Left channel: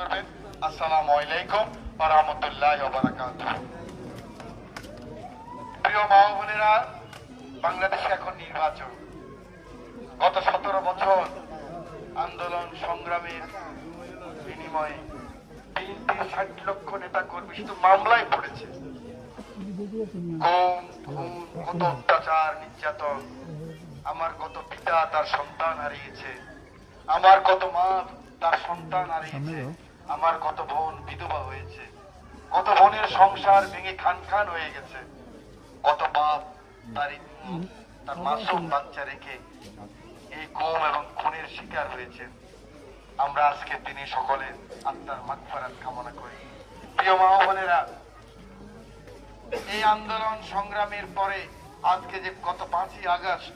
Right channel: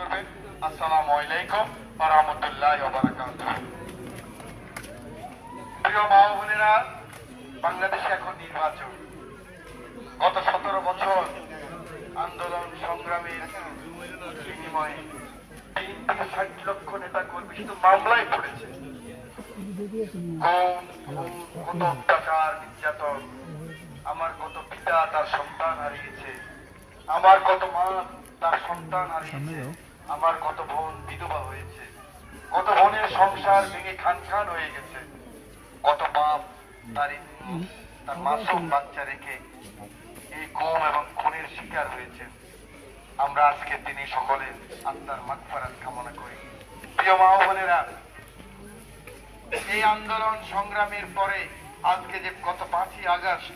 করবেন আসসালামু আলাইকুম ওয়া রাহমাতুল্লাহি ওয়া প্রিয় মা বোনেরা বাংলাদেশে এখন নির্বাচন। গত সতেরো বছর আন্দোলন সংগ্রামের বিনিময়ে তিন থেকে ষাট লক্ষ নেতা কর্মী শুধু মামলায় পড়েছে। কত অত্যাচার, নির্যাতন। আমার কত পিতা তার সন্তান হারিয়েছে। আমার কত মা তার সন্তান হারিয়েছে। আমার কত বোন বিধবা হয়েছে, কত বোনের সংসার ভেঙে খান খান হয়ে গেছে, কত বাপ, তার তার মাসুম বাচ্চা রেখে এই গুম এবং খুনের শিকার হয়েছে। আমরা আজকে তিনি সকলে আত্মার মাগফারাত কামনা করি। প্রিয় মা বোনেরা, এই আন্দোলন সংগ্রামের পরে আজকে যে গত পাঁচই আগস্ট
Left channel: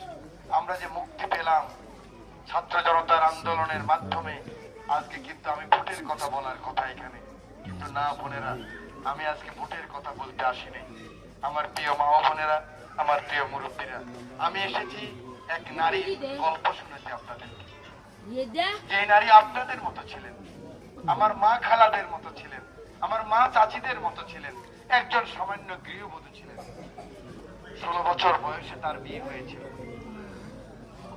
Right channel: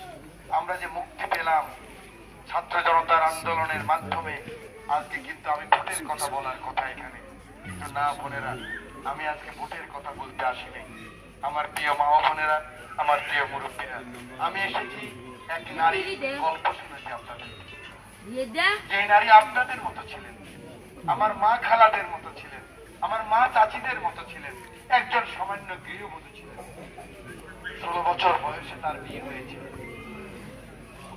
আমরা যে মুক্তি পেলাম, ছাত্র জনতার আন্দোলনের মাধ্যমে আজকে কিন্তু আমি ভোটের কথা বলার কথা এখানে। কিন্তু না, বোনেরা, আমি আজকে ভোটের কথা বলতে আসিনি। আমার প্রিয় মা বোনেরা, আমার প্রিয় মুরব্বীরা, আমি এসেছি এক নারী গল্প শুনেছি আপনাদের। যে নারী আপনাদের মতো ছিলেন, আমার মা খালাদের মতো ছিলেন, আমার মা চাচিদের মতো ছিলেন, একজন সামান্য গৃহবধূ ছিলেন। ষোলো বছর বয়সে তার বিয়ে হয়েছিল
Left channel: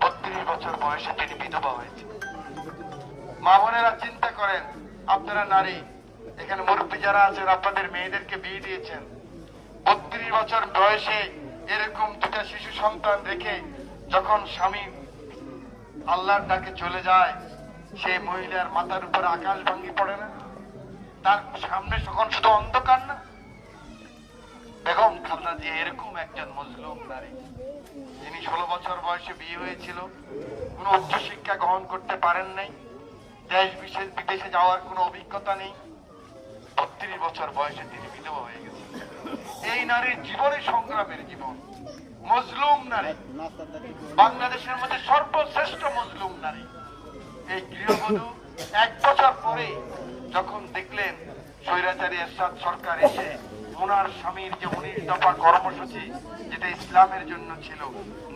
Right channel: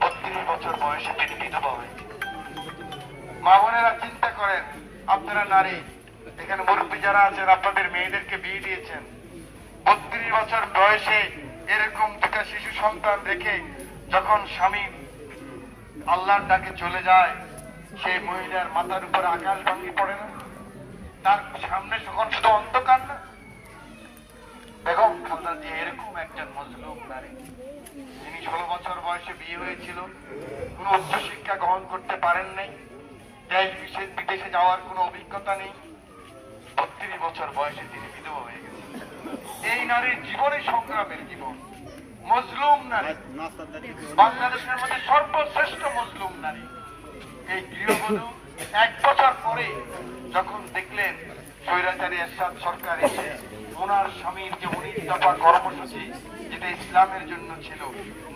বত্রিশ বছর বয়সে তিনি বিধবা হয়েছিল মা বোনেরা চিন্তা করেন, আপনারা নারী, এখানে মুরব্বী যারা আছেন, আপনাদের মেয়েদেরকে বিয়ে দিয়েছেন। বত্রিশ বছর বয়সে এরকম দুটা শিশু সন্তান রেখে যখন স্বামী আল্লাহর ডাকে চলে যায়, সে মহিলার মাথার উপর আকাশ ভাঙ্গি পড়ে না? তার সামনে তখন শুধু অন্ধকার না? বেগম খালদা যে এরকম একজন মজলুম নারী, যিনি ষোলো বছর বয়সে বিয়ে হয়েছিল, কোনো উচ্চ শিক্ষা গ্রহণ করতে পারেন নাই। দেশ বিশেষ বিদেশে যাওয়ার কোনো অভিজ্ঞতা নেই। বত্রিশ বছর বয়সে তিনি বিধবা হয়ে গেছেন। এই নারীর জীবনে সংগ্রামের জীবন। মজলুম নারী। বাংলাদেশের মধ্যে সর্বশ্রেষ্ঠ মজলুম নারী। এই গৃহবধূ এক বছর পরে যখন দেখলেন স্বৈরাচারী এরশাদ সরকার এসে ওনার স্বামীর যে উনিশ দফা কর্মসূচি যেটা ইসলামের জন্য ছিল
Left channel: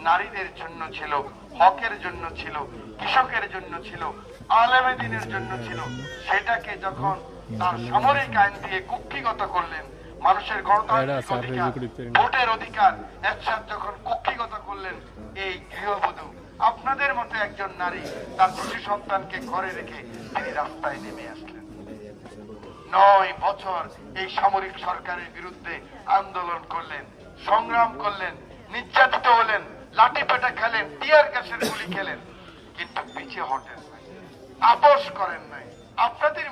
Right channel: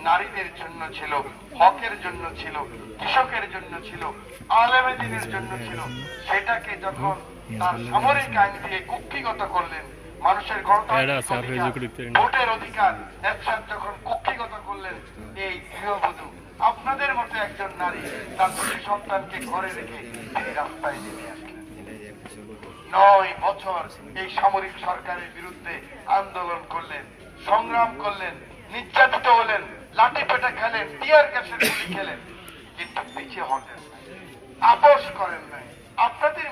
নারীদের জন্য ছিল হকের জন্য ছিল কৃষকের জন্য ছিল আলেমেদিনের জন্য ছিল সেটাকে যখন তার সামরিক আইন দিয়ে কুক্ষিগত করলেন মানুষের গণতান্ত্রিক ভোটের অধিকার একসাথে যখন কুক্ষিগত করলেন এই গৃহবধূ আপনাদের মতো একজন নারী তার দুটি সন্তানকে ঘরে রেখে তিনি রাস্তায় নেমে আসলেন। নয় বছর এই সামরিক সরকারের বিরুদ্ধে আন্দোলন করলেন, সংগ্রাম করলেন, নির্যাতিত হলেন, লাঠি পেটা খেলেন টিয়ার গ্যাসের গুলি খেলেন। কিন্তু পিছিয়ে হটেন আপোষ করেন নাই। আপনাদের